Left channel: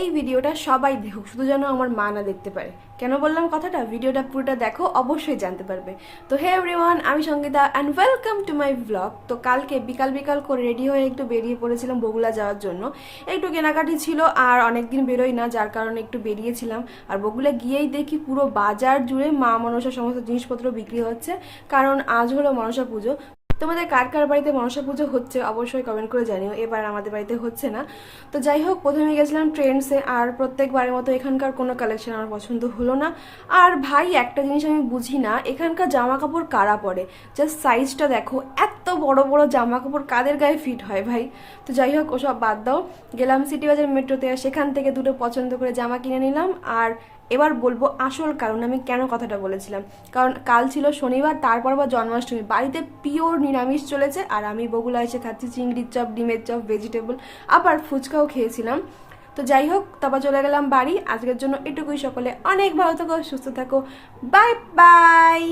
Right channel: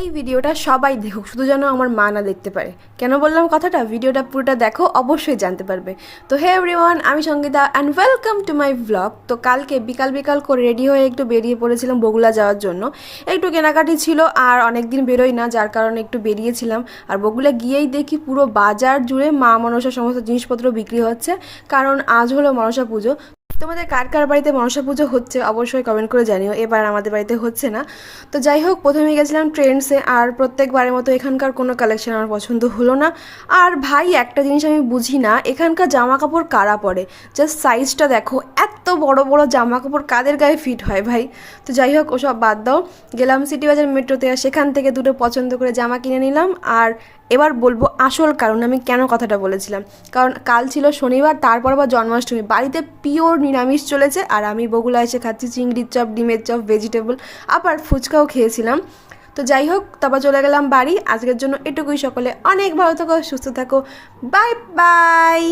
এই ভিডিওটা সবাই দেখুক, শুধু যেন আমার মা না দেখতে পারে। কেন বললাম কথাটা? ভিডিওটা পুরোটা দেখো, অবশ্যই জানতে পারবে। তো হে এভরিওয়ান, আমি Sangeeta and welcome to my blog. তো কালকে বিকাল বিকাল করে রেডি হয়ে একটু বেরিয়ে পড়েছিলাম বগুলা যাওয়ার জন্য। একটু কেনাকাটি ছিল, আর অনেক দিন বেরোই না, যার কারণে একটু বেরিয়েছিলাম। আর বগুলা গিয়েই দেখি পুরো বাজার জুড়ে মা মনসা সমস্ত জিনিসপত্র বিক্রি হচ্ছে, কারণ আজ হলো মনসা পুজো। তোমাদের কার কার বাড়িতে মনসা পুজো হচ্ছে অবশ্যই কমেন্ট করে জানিও। এবার আমাদের বাড়িতে হচ্ছে না। তো যাই হোক, প্রথমে গেছিলাম ট্রেন্ডসে, আর প্রত্যেকবারের মতো এখানকার কোনো কালেকশন আমার পছন্দ হলো না। আর ভাই, একটা জিনিস আমি বুঝি না, এখানকার জামা কাপড় কারা পরে? জাস্ট সাইজটা দেখো, এত বড় বড় জামা কাপড় কাদের গায়ে ফিট হয় ভাই? তো যাই হোক, ওসব বাদ দাও। গেলাম সিটি বাজার মেট্রোতে, আর সেখান থেকে দুটো পছন্দ করে জামা কিনে নিলাম। আর এবার বলবো আসল কারণ আমি কেন কথাটা বলেছিলাম। কারণ কাল ছিল শনিবার, তারপর আবার জন্মাষ্টমী, বাড়িতে পিওর নিরামিষ চলেছে, আর আমি বগুলা এসে খাচ্ছি চিংড়ির চপ, ডিমের চপ, ভেজিটেবল, আবার ফুচকাও খেয়েছিলাম। তো যাই হোক, তারপর চলে গেলাম বাড়ি। আজকের জন্য এটুকুই। সকলে অনেক ভালো থাকো, সুস্থ থাকো। Bye bye.